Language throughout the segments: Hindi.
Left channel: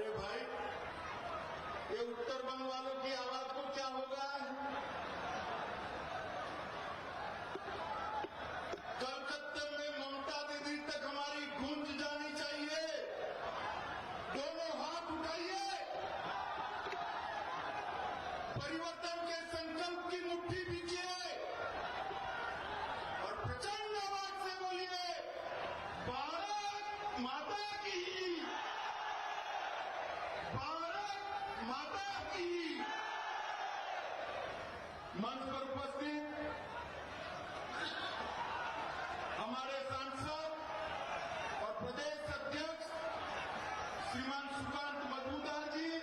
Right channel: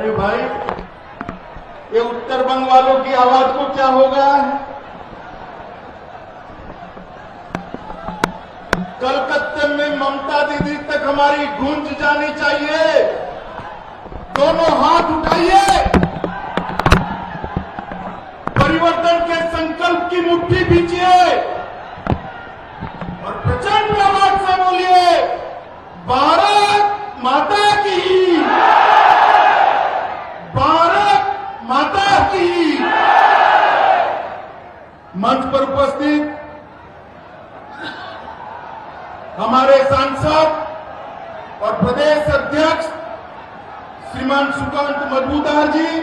अरे भाई, ये उत्तर बंग वालों की आवाज को क्या हो गया है? कलकत्ते में ममता दीदी तक हमारी गूंज जानी चाहिए। दोनों हाथ उठाइए, परिवर्तन के संकल्प की मुट्ठी भींचिए और प्रचंड आवाज से बोलिए, भारत माता की, भारत माता की। मंच पर उपस्थित हमारे सांसद और प्रदेश अध्यक्ष श्रीमान सुकांत मजूमदार जी,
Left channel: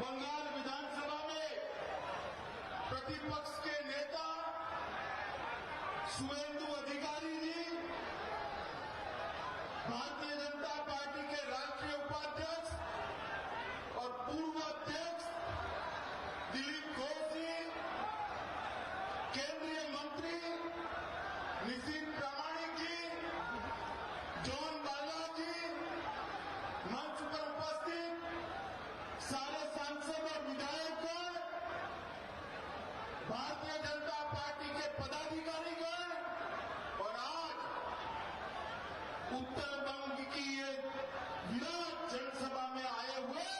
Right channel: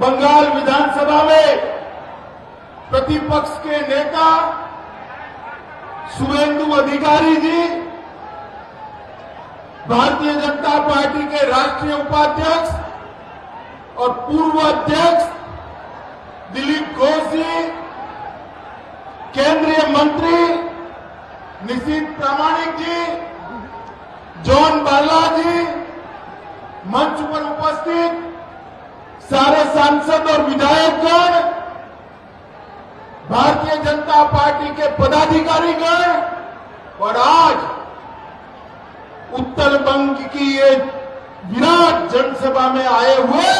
बंगाल विधानसभा में प्रतिपक्ष के नेता शुभेंदु अधिकारी जी, भारतीय जनता पार्टी के राष्ट्रीय उपाध्यक्ष और पूर्व अध्यक्ष दिलीप घोष जी, केंद्रीय मंत्री निशित प्रामाणिक जी, जॉन बाला जी, मंच पर उपस्थित सारे सांसद और विधायकगण, भारतीय जनता पार्टी के पदाधिकारीगण और आज उत्तर बंग की ये विराट जनसभा में आए हुए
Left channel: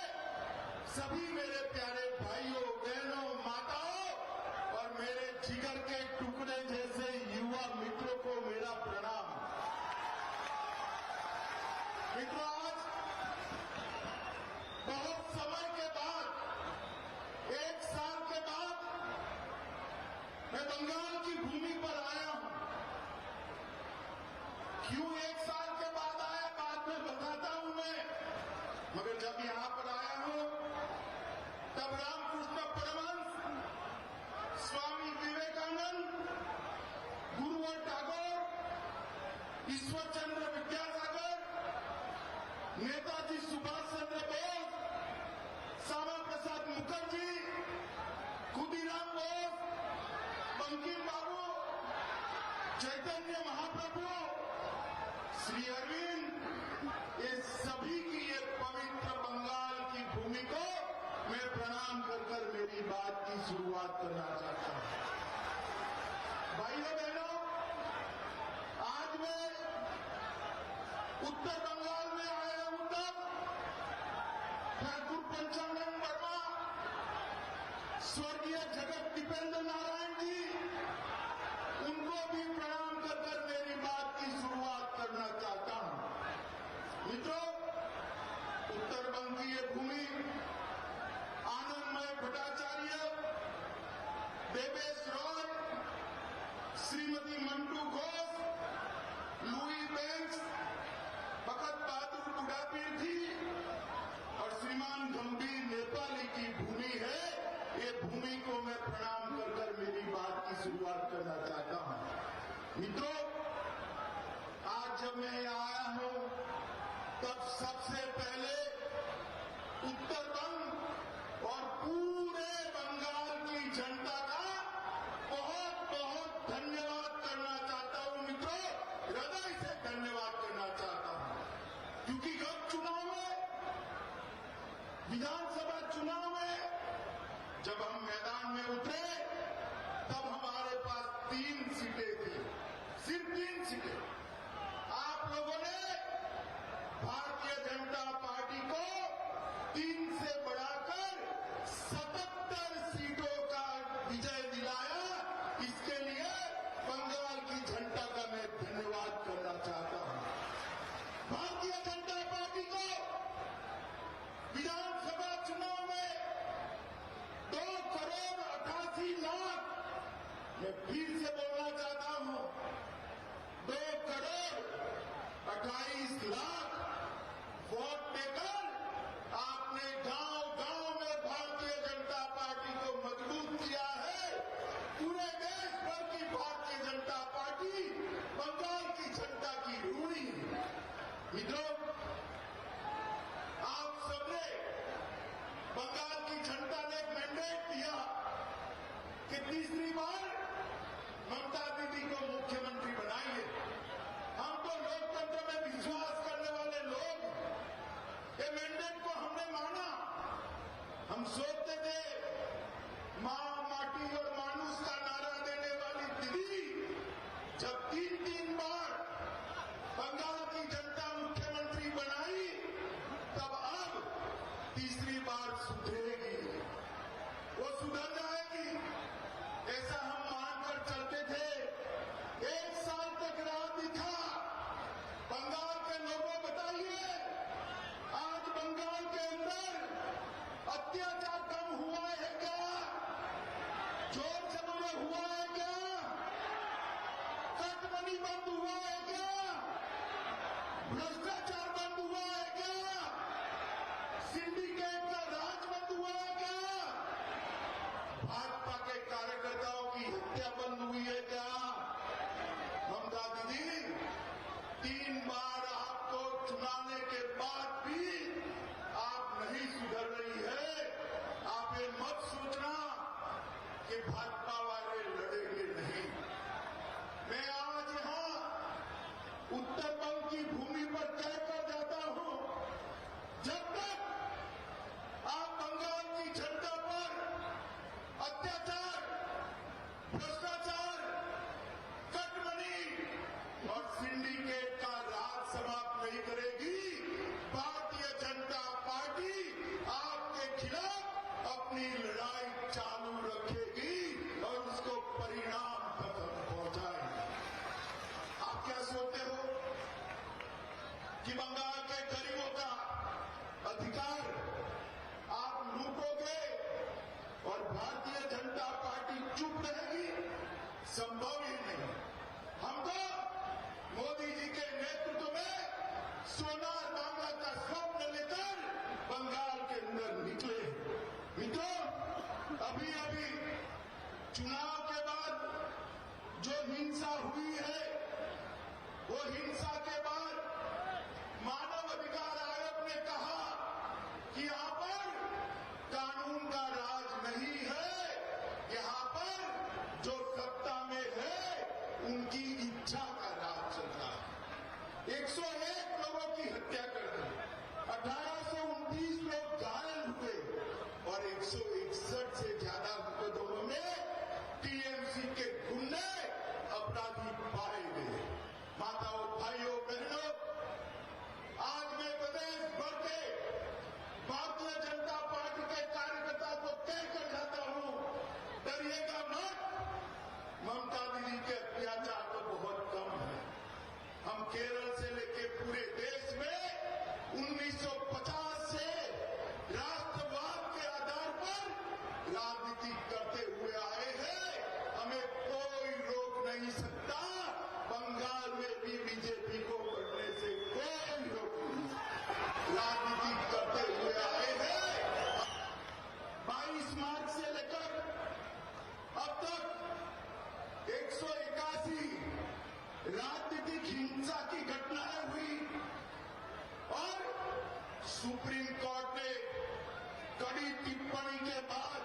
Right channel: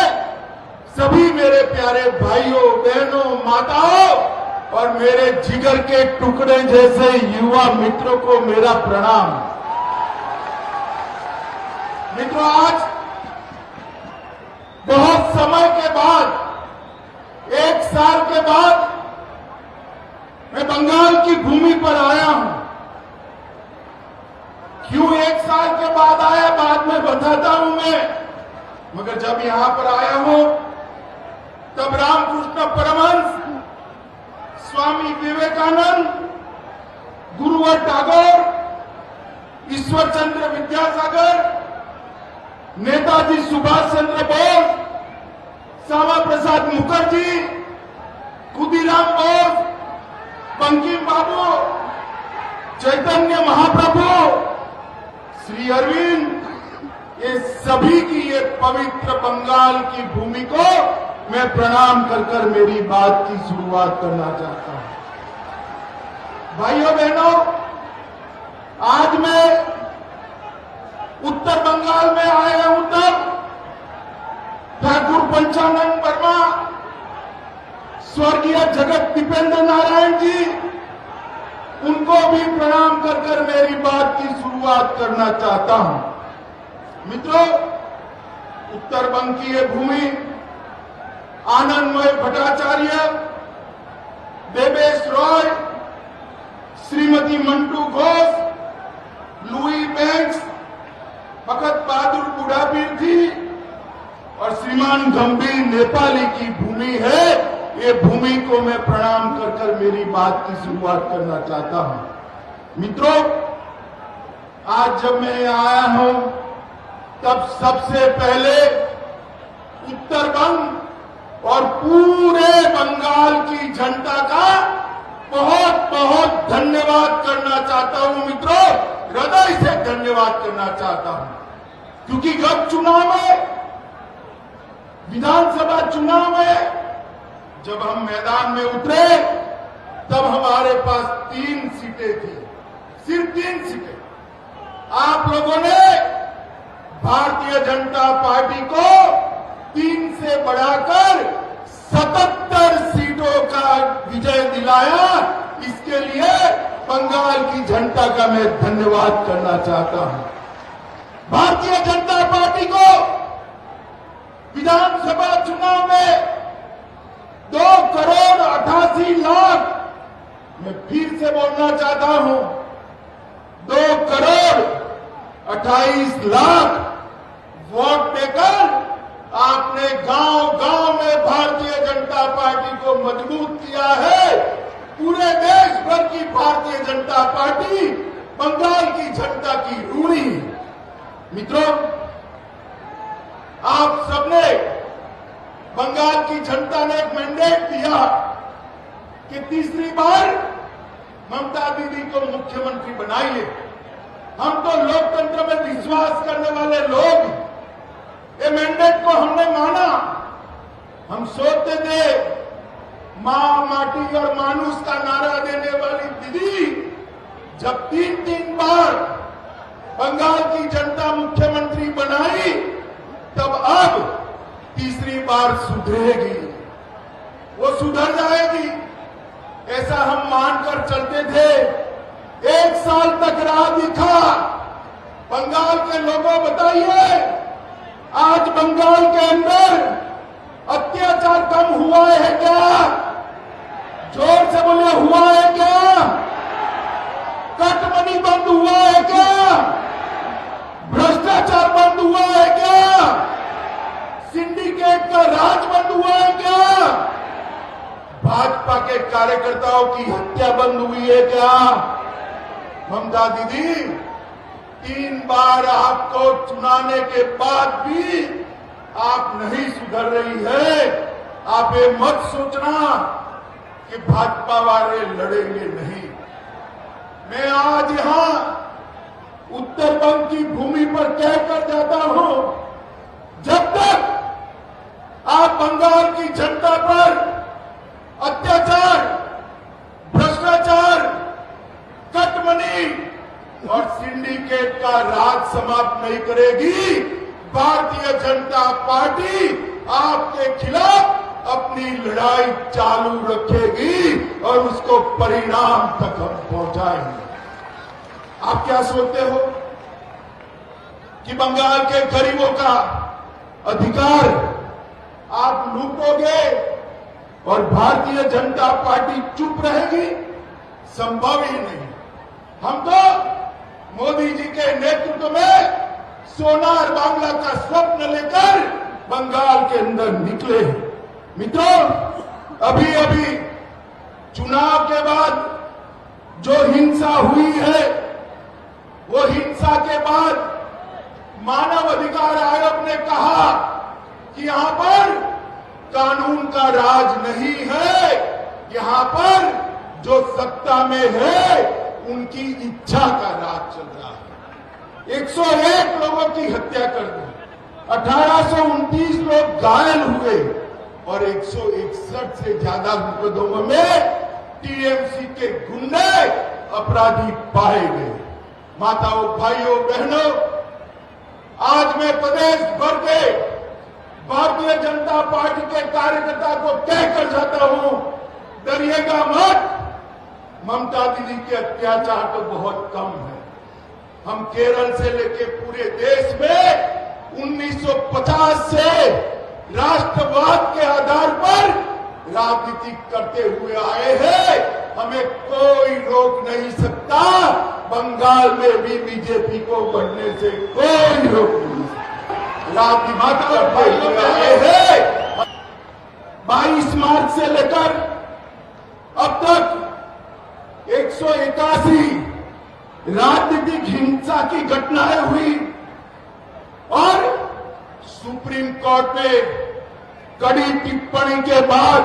सभी मेरे प्यारे भाइयों, बहनों, माताओं और मेरे जिगर के टुकड़े जैसे युवा मित्रों को मेरा प्रणाम। मित्रों, आज बहुत समय के बाद, 1 साल के बाद मैं बंगाल की भूमि पर आया हूं। क्यों 1 साल के बाद आया, बाद में बताता हूं मैं, मगर जब यहां पर आया हूं तब रामकृष्ण परमहंस, स्वामी विवेकानंद, गुरुवर टैगोर, ईश्वर चंद्र विद्यासागर, नेताजी सुभाष चंद्र बोस, श्यामा प्रसाद मुखर्जी, खुदीराम बोस, बंकिम बाबू, चैतन्य महाप्रभु, श्री अरविंद, ये सभी की ये पवित्र बंगाल की भूमि को मैं प्रणाम कर कर मेरी बात की शुरुआत करना चाहता हूं। भाइयों बहनों, आज मैं उत्तर बंगाल में आया हूं तब ठाकुर पंचानन वर्मा, स्वर्गीय जगत दीपेंद्र नारायण जी, उनको भी प्रणाम कर कर मेरी बात की शुरुआत करना चाहता हूं। मित्रों, उत्तर बंग की ये भूमि आनंदमय भट्टाचार्य, देवेश रॉय, श्रीमती मंटू घोष, लुई बैंक्स, भगत बहादुर बुढ़ापीर जी और श्रीमान गंभीर नेपाली की भूमि है। ये भूमि को मैं प्रणाम कर कर मेरी बात की शुरुआत करना चाहता हूं। मित्रों, आज जब मैं यहाँ आया हूं तब सबसे पहले उत्तर बंग और पूरे बंगाल की जनता का बहुत बहुत धन्यवाद करना चाहता हूं। मित्रों, हृदय से धन्यवाद करना चाहता हूं, क्योंकि गत चुनाव में, विधानसभा चुनाव में जब हम मैदान में उतरे तब हमारे पास 3 सीटें थी, सिर्फ 3 सीटें। आप लोगों ने भारतीय जनता पार्टी को 3 से बढ़ाकर 77 सीटों का विजय दिलाया। इसके लिए बंगाल की जनता का मैं धन्यवाद करना चाहता हूं। भारतीय जनता पार्टी को विधानसभा चुनाव में 2,88,00,000, मैं फिर से बोलना चाहता हूं, 2,28,00,000 वोट देकर आपने गांव-गांव में भारतीय जनता पार्टी को मजबूत किया है। पूरे देश भर की भारतीय जनता पार्टी बंगाल की जनता की ऋणी है। मित्रों, आप सबने, बंगाल की जनता ने एक मैंडेट दिया कि तीसरी बार ममता दीदी को मुख्यमंत्री बनाइए। हम तो लोकतंत्र में विश्वास करने वाले लोग, ये मैंडेट को हमने माना। हम सोचते थे मां, माटी और मानुष का नारा देने वाली दीदी जब 3 बार बंगाल की जनता मुख्यमंत्री बनाई, तब अब तीसरी बार सुधरेगी, वो सुधर जाएगी, ऐसा हम मानकर चलते थे। 1 साल तक राह दिखा। बंगाल के लोगों बताइए, आज बंगाल के अंदर अत्याचार कम हुआ है क्या? जोर से बोले, हुआ है क्या? कटमनी बंद हुआ है क्या? भ्रष्टाचार बंद हुआ है क्या? सिंडिकेट का राज बंद हुआ है क्या? भाजपा के कार्यकर्ताओं की हत्या बंद हुई है क्या? ममता दीदी, 3 बार आपको चुनाने के बाद भी आप नहीं सुधर रही है। आप ये मत सोचना कि भाजपा वाले लड़ेंगे नहीं। मैं आज यहां उत्तर बंग की भूमि पर कहकर जाता हूं, जब तक आप बंगाल की जनता पर अत्याचार, भ्रष्टाचार, कटमनी और सिंडिकेट का राज समाप्त नहीं करेगी, भारतीय जनता पार्टी आपके खिलाफ अपनी लड़ाई चालू रखेगी और उसको परिणाम तक हम पहुंचाएंगे। आप क्या सोचते हो कि बंगाल के गरीबों का अधिकार आप लूटोगे और भारतीय जनता पार्टी चुप रहेगी? संभव ही नहीं। हम तो मोदी जी के नेतृत्व में सोनार बांग्ला का स्वप्न लेकर बंगाल के अंदर निकले। मित्रों, अभी अभी चुनाव के बाद जो हिंसा हुई है, वो हिंसा के बाद मानव अधिकार आयोग ने कहा कि यहां पर कानून का राज नहीं है, यहां पर जो सत्ता में है उनकी इच्छा का राज चल रहा है। 101 लोगों की हत्या कर दी, 1829 लोग घायल हुए और 161 से ज्यादा मुकदमों में टीएमसी के गुंडे अपराधी पाए गए। माताओं, भाइयों, बहनों, आज मैं प्रदेश भर के भारतीय जनता पार्टी के कार्यकर्ता को कहकर जाता हूं, डरिएगा मत। ममता दीदी के अत्याचार तो बहुत कम है। हम केरल से लेके पूरे देश में 1950 से राष्ट्रवाद के आधार पर राजनीति करते हुए आए हैं। हमें कोई रोक नहीं सकता। बंगाल में भी बीजेपी को बढ़ने से कोई रोक नहीं सकता। राजनीति करते हुए आए हैं। 22 मार्च से लेकर अब तक 181 राजनीतिक हिंसा की घटनाएं हुई और सुप्रीम कोर्ट ने कड़ी टिप्पणी के बाद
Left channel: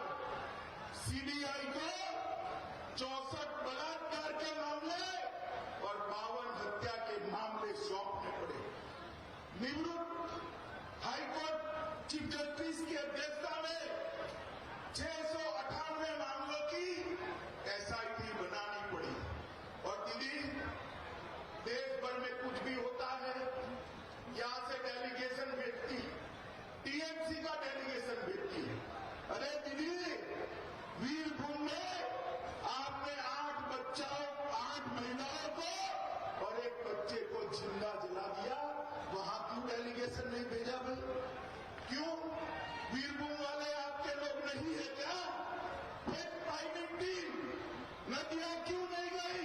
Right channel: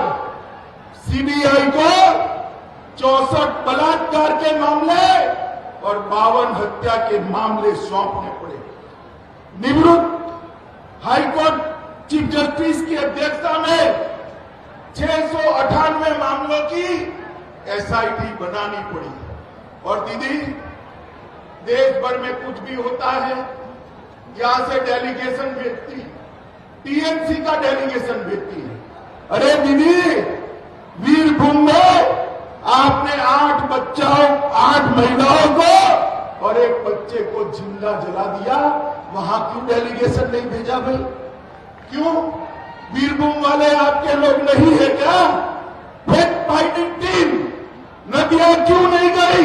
सीबीआई को 64 बलात्कार के मामले और 52 हत्या के मामले सौंपने पड़े। निवृत्त हाईकोर्ट चीफ जस्टिस की अध्यक्षता में 698 मामलों की एसआईटी बनानी पड़ी। और दीदी, देश भर में कुछ भी होता है, यहां से डेलीगेशन भेजती है, टीएमसी का डेलीगेशन भेजती है। अरे दीदी, वीरभूम में आपने 8 बच्चों, 8 महिलाओं को और 1 बच्चे को जिंदा जला दिया, वहां क्यों डेलीगेशन नहीं भेजा भाई? क्यों? वीरभूम वाले आपके लोग नहीं है क्या? फैक्ट फाइंडिंग टीम नदियां क्यों नहीं गई?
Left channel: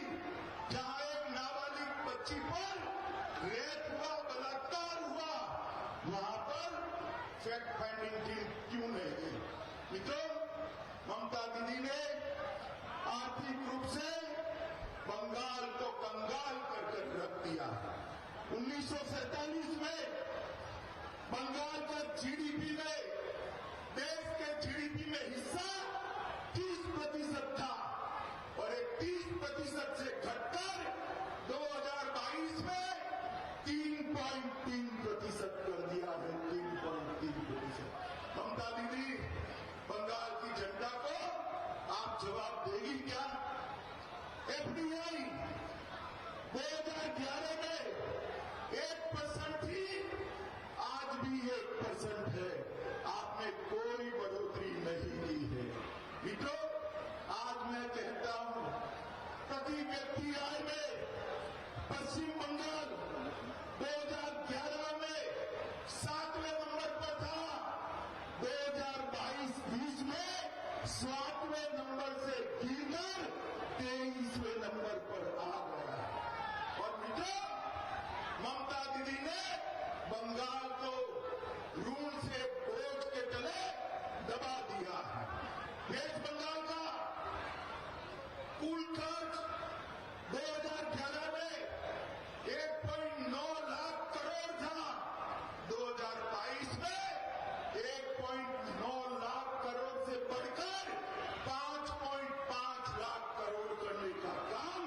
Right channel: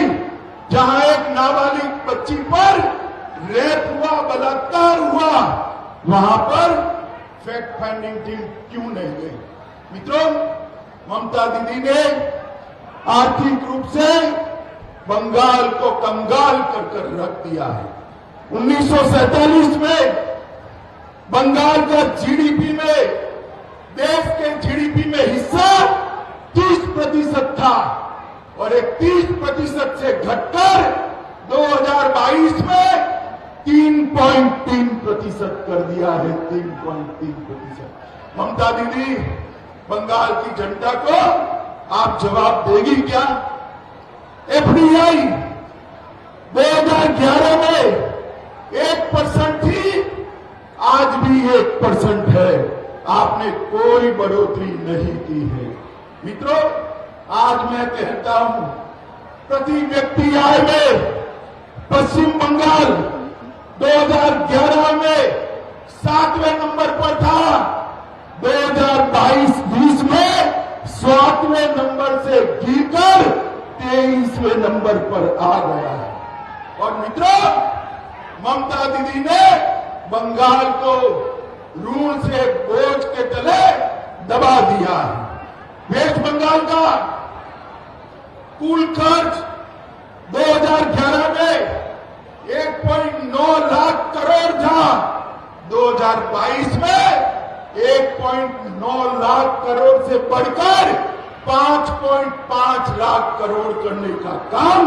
जहां एक नाबालिग बच्ची पर रेप हुआ, बलात्कार हुआ, वहां पर फैक्ट फाइंडिंग टीम क्यों नहीं गई? मित्रों, ममता दीदी ने आर्थिक रूप से बंगाल को कंगाल कर रख दिया है। 1947 में बंगाल का जीडीपी में, देश के जीडीपी में हिस्सा 30% था और 31% से घटकर 2022 में 3.3% 3% कर दिया है, 3.3%। ममता दीदी, बंगाल की जनता को आप जवाब देगी क्या? एफडीआई 2011 में 1% थी, आज भी 1% है। आपने कोई बढ़ोतरी नहीं की है। मित्रों, आज मैं कहता हूं, प्रति व्यक्ति आय में पश्चिम बंगाल 2011 में 7वें नंबर पर था, 2022-20 में 7वें नंबर से गिरकर 23वें नंबर पर आ गया है। और मित्रों, ममता दीदी ने बंगाल को ऋण से बोझ के तले दबा दिया है। वेस्ट बंगाल का कुल खर्च 2011 में 1.9 लाख करोड़ था, 2022 में 1.9 लाख करोड़ से बढ़कर 5.5 लाख करोड़ करने का काम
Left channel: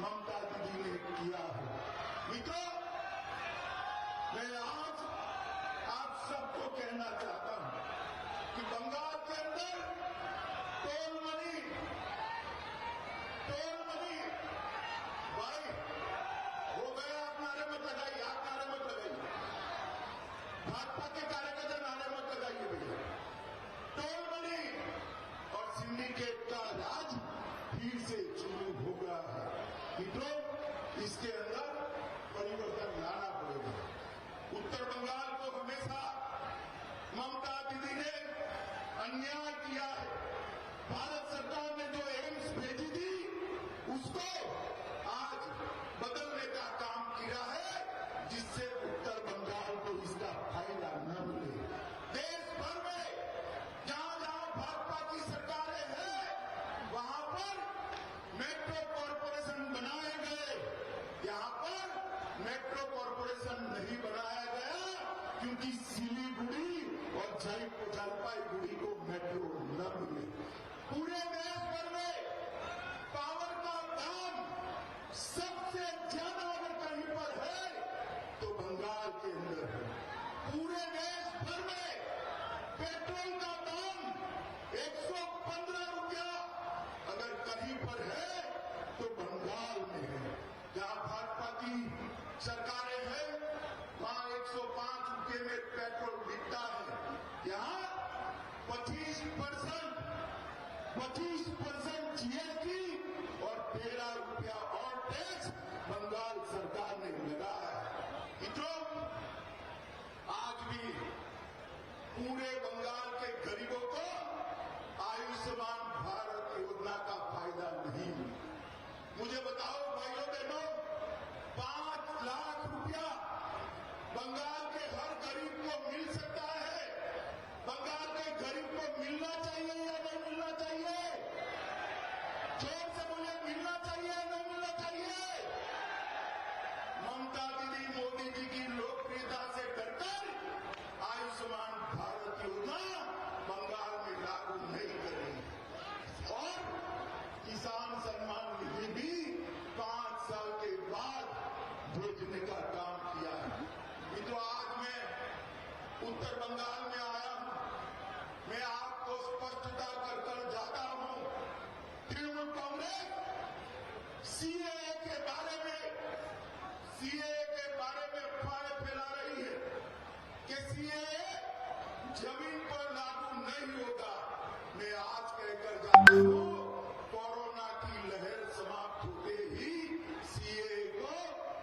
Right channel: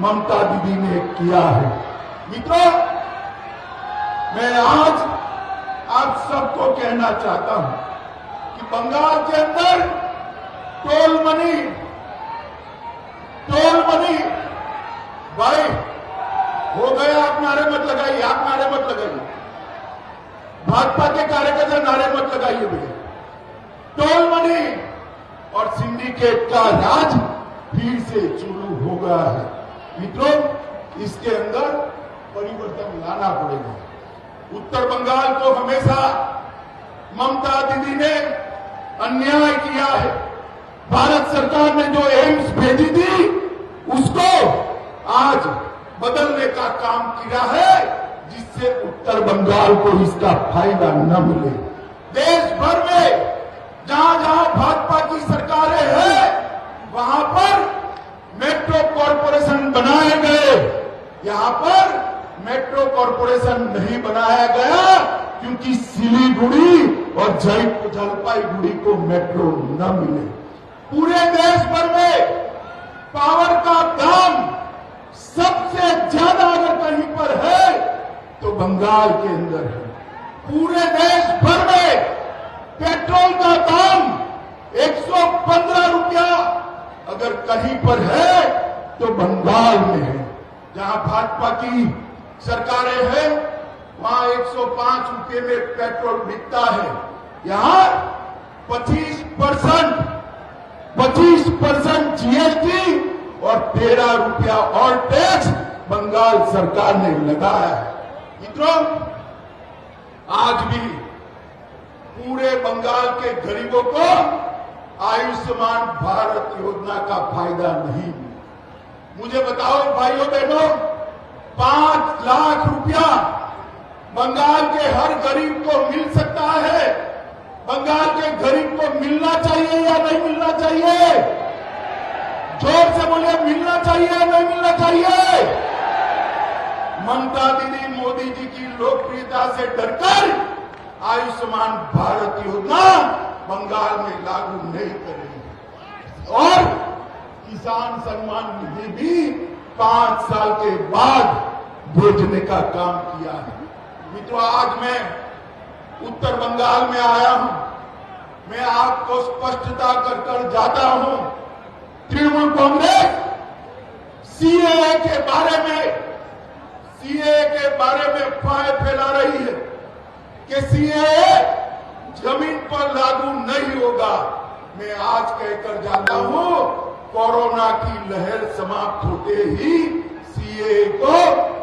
ममता दीदी ने किया है। मित्रों, मैं आज आप सबको कहना चाहता हूं कि बंगाल के अंदर टोल मनी भाई हो गया। आप नारे मत लगाइए, आप नारे मत लगाइए, भाजपा के कार्यकर्ता नारे मत लगाइए भैया। टोल मनी और सिंडिकेट का राज फिर से शुरू हो गया है। मित्रों, इसके अंदर परिवर्तन लाना पड़ेगा। उत्तर बंगाल को हमेशा ममता दीदी ने अन्याय किया है। भारत सरकार ने जो एम्स भेजी थी, उसको आज बदलने का काम किया है, जिससे उत्तर बंगाल को इसका फायदा न मिले। देश भर में जहां जहां भाजपा की सरकारें हैं, वहां पर मेट्रो कॉरपोरेशन बनाए गए। यहां पर मेट्रो कॉरपोरेशन नहीं बनाया गया क्योंकि सिलीगुड़ी और जलपाईगुड़ी को मेट्रो न मिले। पूरे देश भर में पावर का दाम सबसे ज्यादा अगर कहीं पर है तो बंगाल के अंदर है। पूरे देश भर में पेट्रोल का दाम 115 रुपया अगर कहीं पर है तो बंगाल में है। जहां भाजपा की सरकारें हैं, वहां 105 रुपये में पेट्रोल बिकता है। यहां 25% जीएसटी और 13 रुपया और टैक्स बंगाल सरकार ने लगाया है। मित्रों, आज भी पूरे बंगाल के गरीबों को आयुष्मान भारत योजना का फायदा नहीं मिला। मुझे बताओ भाइयों बहनों, 5 लाख रुपया बंगाल के हर गरीब को मिल सकता है। बंगाल के गरीब को मिलना चाहिए या नहीं मिलना चाहिए? जोर से बोलिए, मिलना चाहिए या नहीं मिलना चाहिए? ममता दीदी मोदी जी की लोकप्रियता से डरकर आयुष्मान भारत योजना बंगाल में लागू नहीं करेगी और किसान सम्मान निधि भी 5 साल के बाद भेजने का काम किया है। मित्रों, आज मैं उत्तर बंगाल में आया हूं। मैं आपको स्पष्टता कर जाता हूं, तृणमूल कांग्रेस सीएए के बारे में अफवाहें फैला रही है कि सीएए जमीन पर लागू नहीं होगा। मैं आज कहकर जाता हूं, कोरोना की लहर समाप्त होते ही सीएए को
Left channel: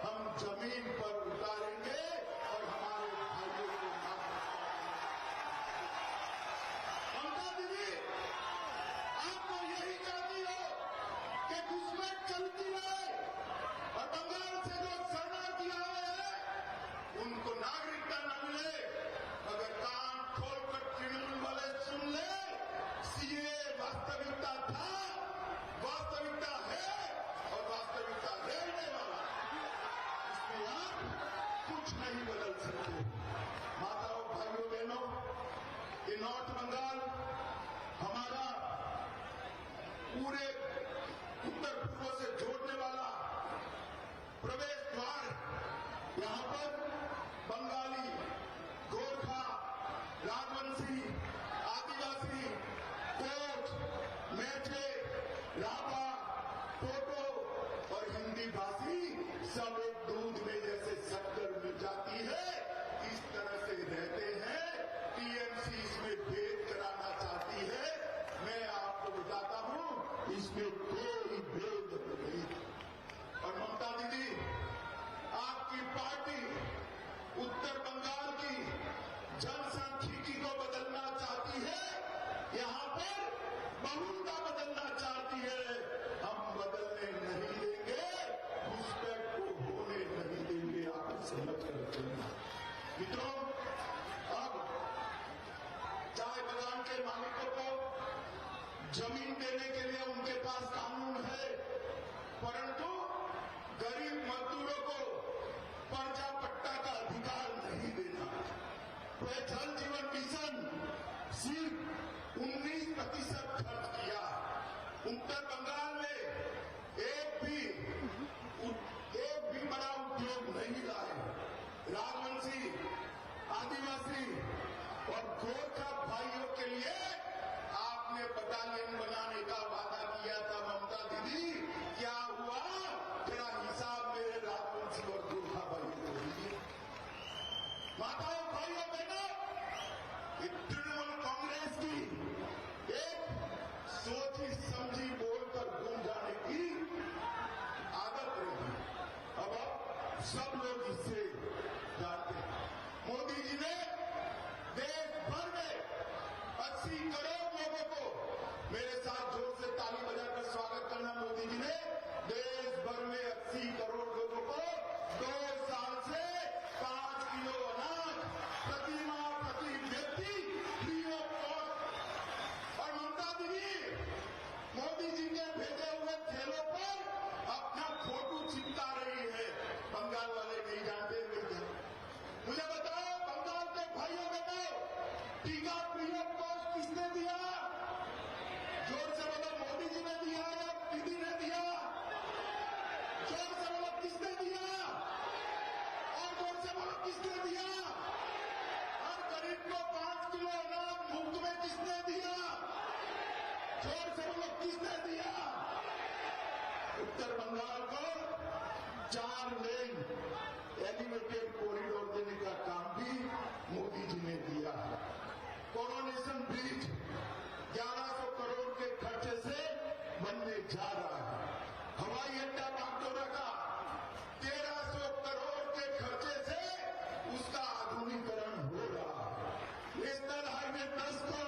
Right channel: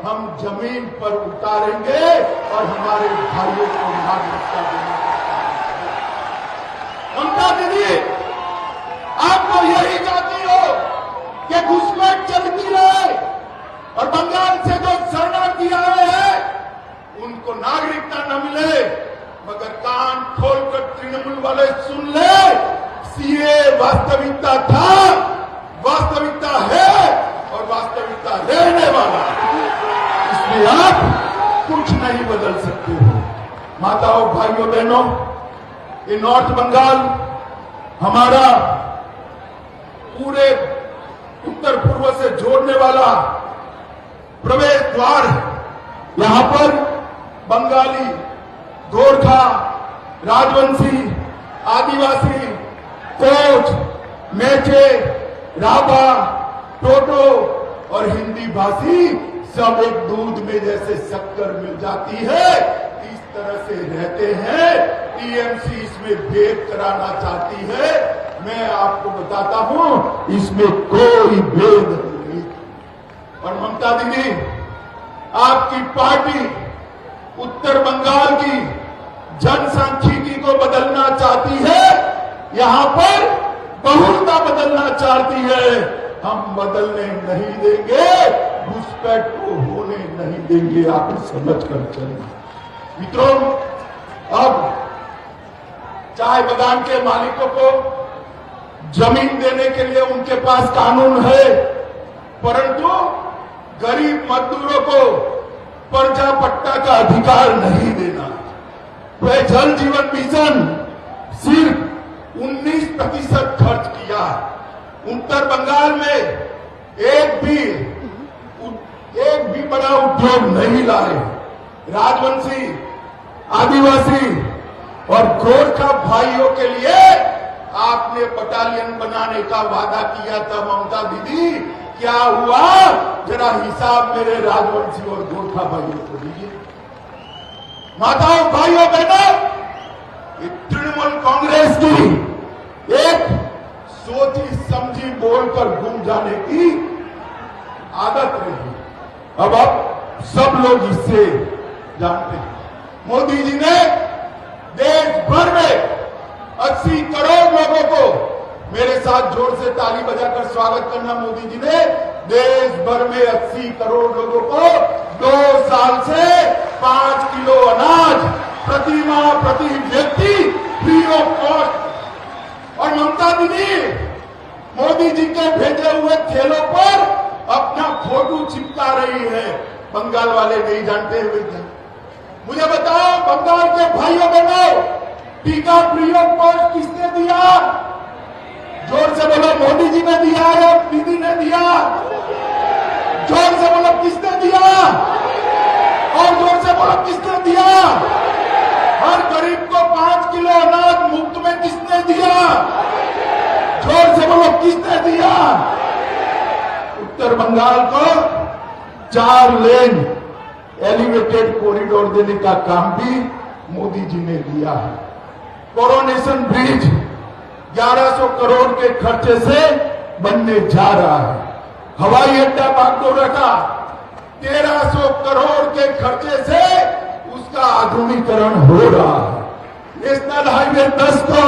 हम जमीन पर उतारेंगे और हमारे भाइयों को नागरिकता देने का काम। ममता दीदी, आपको यही चाहती हो कि घुसपैठ चलती रहे और बंगाल से जो शरणार्थी आए हैं उनको नागरिकता न मिले, मगर कान खोलकर तृणमूल वाले सुन ले, सीए वास्तविकता था, वास्तविकता है और वास्तविकता रहने वाला। इसलिए आप कुछ नहीं बदल सकते हो। माताओं, भाइयों, बहनों, ये नॉर्थ बंगाल हमारा पूरे उत्तर पूर्व से जोड़ने वाला प्रवेश द्वार है। यहां पर बंगाली, गोरखा, राजवंशी, आदिवासी, कोच, मेचे, राभा, टोटो और हिंदी भाषी सब एक दूध में जैसे शक्कर मिल जाती है, इस तरह से रहते हैं। टीएमसी इसमें भेद कराना चाहती है। मैं आपको बताता हूं, इसमें कोई भेद नहीं। और ममता दीदी, आपकी पार्टी उत्तर बंगाल की जनसांख्यिकी को बदलना चाहती है, यहां पर बहुलता बदलना चाहती है। हम बदलने नहीं देंगे, घुसपैठ को होने नहीं देंगे। आप समझ कर चलें। मित्रों, अब चाय बागान के मालिकों को जमीन देने के लिए उनके पास कानून है, परंतु गरीब मजदूरों को पर्चा पट्टा का अधिकार नहीं देना। वह जल जीवन मिशन सिर्फ 19% खर्च किया। उत्तर बंगाल में एक भी बड़ा उद्योग नहीं लाए। राजवंशी, आदिवासी और गोरखा भाइयों के लिए आपने बटालियन बनाने का वादा किया था ममता दीदी, क्या हुआ? जरा हिसाब मेरे राजवंशी और गोरखा भाइयों को दीजिए। माताओं, भाइयों, बहनों, तृणमूल कांग्रेस की एक सोची समझी बोलकर घूम जाने की आदत रही। अब सब लोग इससे जानते हैं। मोदी जी ने देश भर में 80 करोड़ लोगों को, मेरे साथ जोर से ताली बजाकर स्वागत करना, मोदी जी ने देश भर में 80 करोड़ लोगों को 2 साल से 5 किलो अनाज प्रति माह प्रति व्यक्ति फ्री ऑफ कॉस्ट। और ममता दीदी मोदी जी के भेजे हुए थैलों पर अपना फोटो चिपका रही है। बंगाल वाले नहीं जानते हुए क्या? मुझे बताओ, बंगाल के भाइयों बहनों, टीका फ्री ऑफ कॉस्ट किसने दिया? जोर से बोलो, मोदी जी ने दिया या दीदी ने दिया? जोर से बोलो, किसने दिया? और जोर से बोलो, किसने दिया? हर गरीब को 5 किलो अनाज मुफ्त में किसने दिया? जोर से बोलो, किसने दिया? उत्तर बंगाल को 4 लेन एलिवेटेड कॉरिडोर देने का काम भी मोदी जी ने दिया है। कोरोनेशन ब्रिज 1100 करोड़ के खर्चे से बनने जा रहा है। हवाई अड्डा बागडोगरा का 1300 करोड़ के खर्चे से उसका आधुनिकीकरण हो रहा है। नेशनल हाईवे 10 को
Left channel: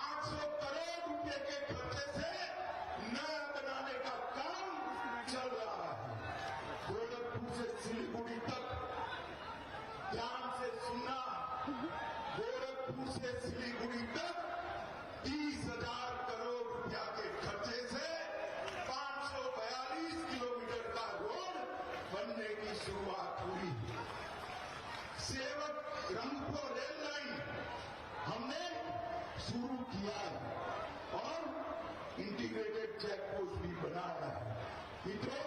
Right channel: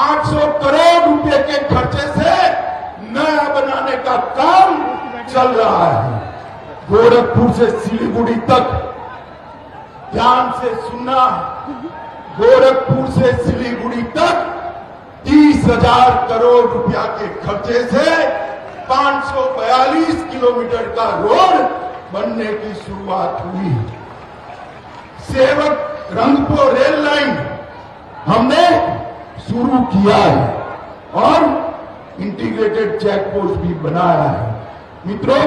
800 करोड़ रुपए के खर्चे से नया बनाने का काम चल रहा है। गोरखपुर से सिलीगुड़ी तक, ध्यान से सुनना, गोरखपुर से सिलीगुड़ी तक 30,000 करोड़ रुपया के खर्चे से 542 किलोमीटर का रोड बनने की शुरुआत हुई। सेवक रंगपुर रेल लाइन हमने शुरू किया है और इंटीग्रेटेड चेक पोस्ट भी बनाया है। मित्रों,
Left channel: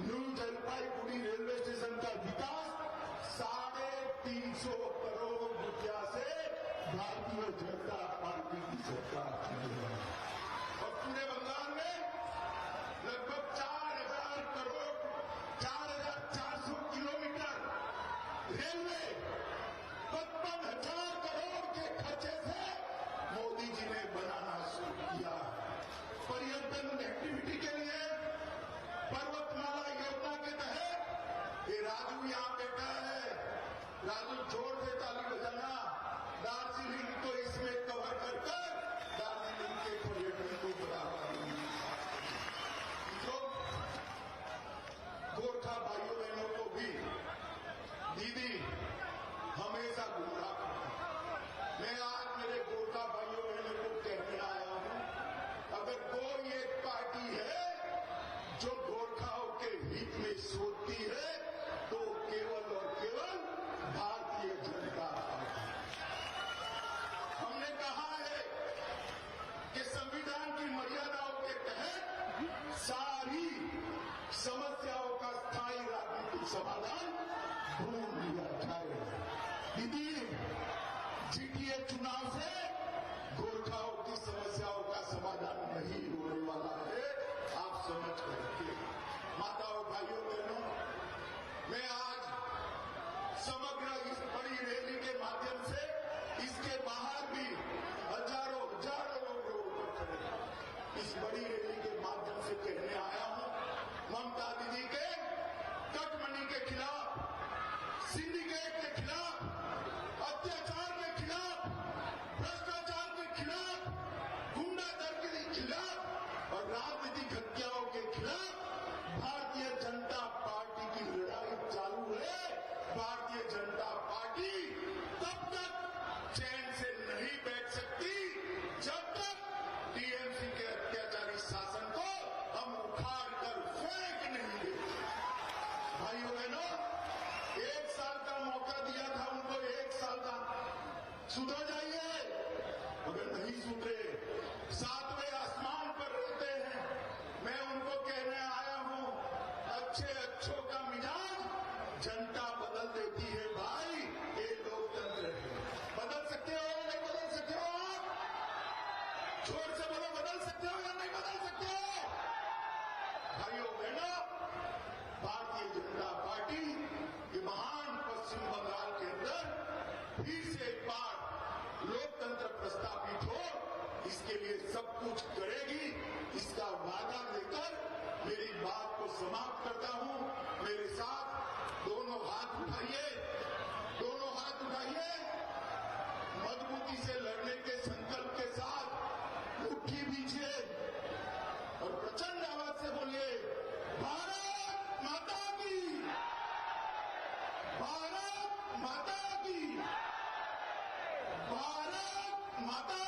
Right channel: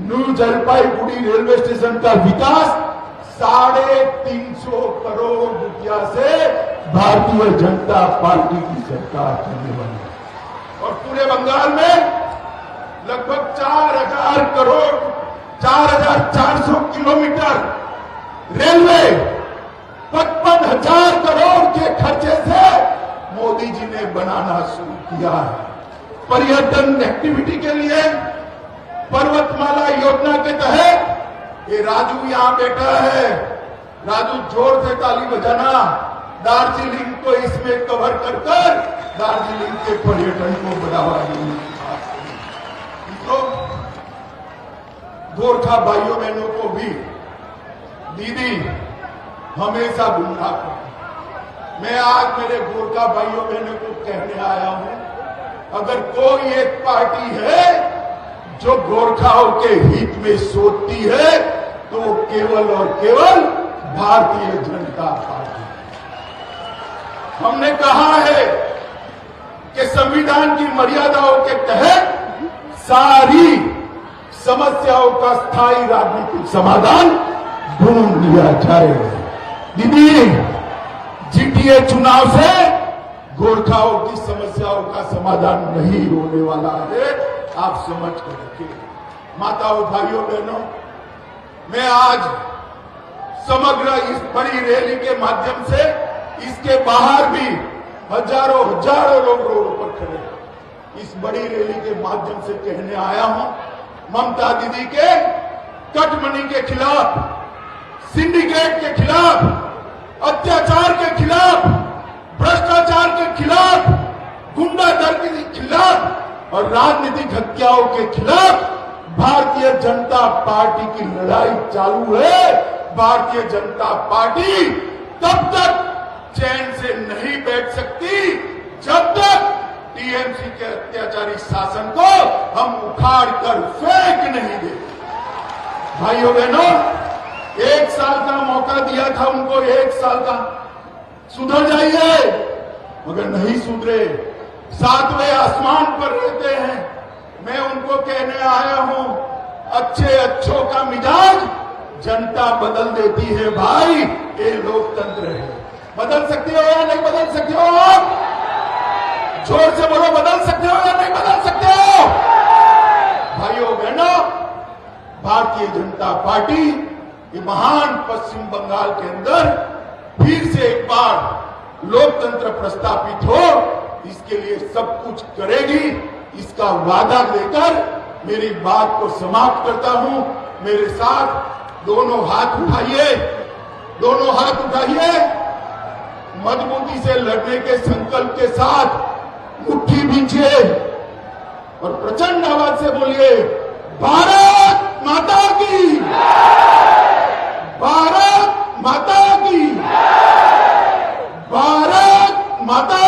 न्यू जलपाईगुड़ी रेलवे स्टेशन का विकास 350 करोड़ रुपया से भारतीय जनता पार्टी की सरकार करने वाली है। और पूरे बंगाल में लगभग 4,000 करोड़, 4,400 किलोमीटर रेलवे 55,000 करोड़ के खर्चे से मोदी जी ने बनाना शुरू किया है। पर्यटन एक्टिविटी के लिए पर्वतमाला योजना के तहत ये राजू यहां बैठा है, राजू जोर से ताली बजाना, दार्जिलिंग को इसमें कवर कर दार्जिलिंग के पर्यटन को बढ़ावा देने की बात की। गोरखा भाइयों बहनों को भी दीदी हमेशा गुमराह करती। मैं आज मेरे गोरखा भाइयों बहनों को कहने आया हूं, अगर कोई एक पार्टी है जो गोरखाओं के हित में सोचती है तो केवल और केवल भारतीय जनता पार्टी। हमने कहा है कि संविधान की मर्यादाओं के तहत सारी समस्याओं का स्थायी राजनीतिक समाधान ढूंढ लिया जाए। दीदी, जीटीए चुनाव से गोरखाओं की समस्याओं का समाधान नहीं होने वाला है, आप समझ कर रखिए। माताओं, भाइयों, बहनों, मैं आज समग्र इस बड़ी रैली के माध्यम से इसके बाहर भी हजारों लोग रोड पर खड़े हैं। इस बड़ी रैली के माध्यम से कहने आया हूं, ममता दीदी के कटमनी के खिलाफ, सिंडिकेट के खिलाफ, अत्याचार के खिलाफ, भ्रष्टाचार के खिलाफ, गुंडागर्दी के खिलाफ और राजनीतिक हत्याओं के खिलाफ भारतीय जनता पार्टी की लड़ाई चालू है। भारतीय जनता पार्टी तब तक चैन से नहीं बैठ सकती जब तक टीएमसी के अत्याचारी शासन को हम उखाड़ कर फेंक नहीं देते। भाइयों बहनों, 1 साल का मौका दिया था उनको, 1 साल का, सुधर जाइए, मगर नहीं सुधरे, 7वें आसमान पर रहते हैं। मैं उनको कहने आया हूं, अच्छों का मिजाज जनता बदल देती है भाई, ये लोकतंत्र है। बदल सकते हो या नहीं बदल सकते हो? आप जोर से बोलो, बदल सकते हो या नहीं बदल सकते हो? भाइयों बहनों, भारतीय जनता पार्टी ये महान पश्चिम बंगाल के अंदर फिर से एक बार लोकतंत्र प्रस्तापित हो, इसके लिए सब कुछ करेगी, इसका वादा देकर मेरी बात को समाप्त करता हूं। मेरे साथ दोनों हाथ उठाइए, दोनों हाथ उठाइए, मजबूती से लड़ने के संकल्प के साथ मुट्ठी भींचिए और प्रचंड आवाज से बोलिए, भारत माता की, भारत माता की, भारत माता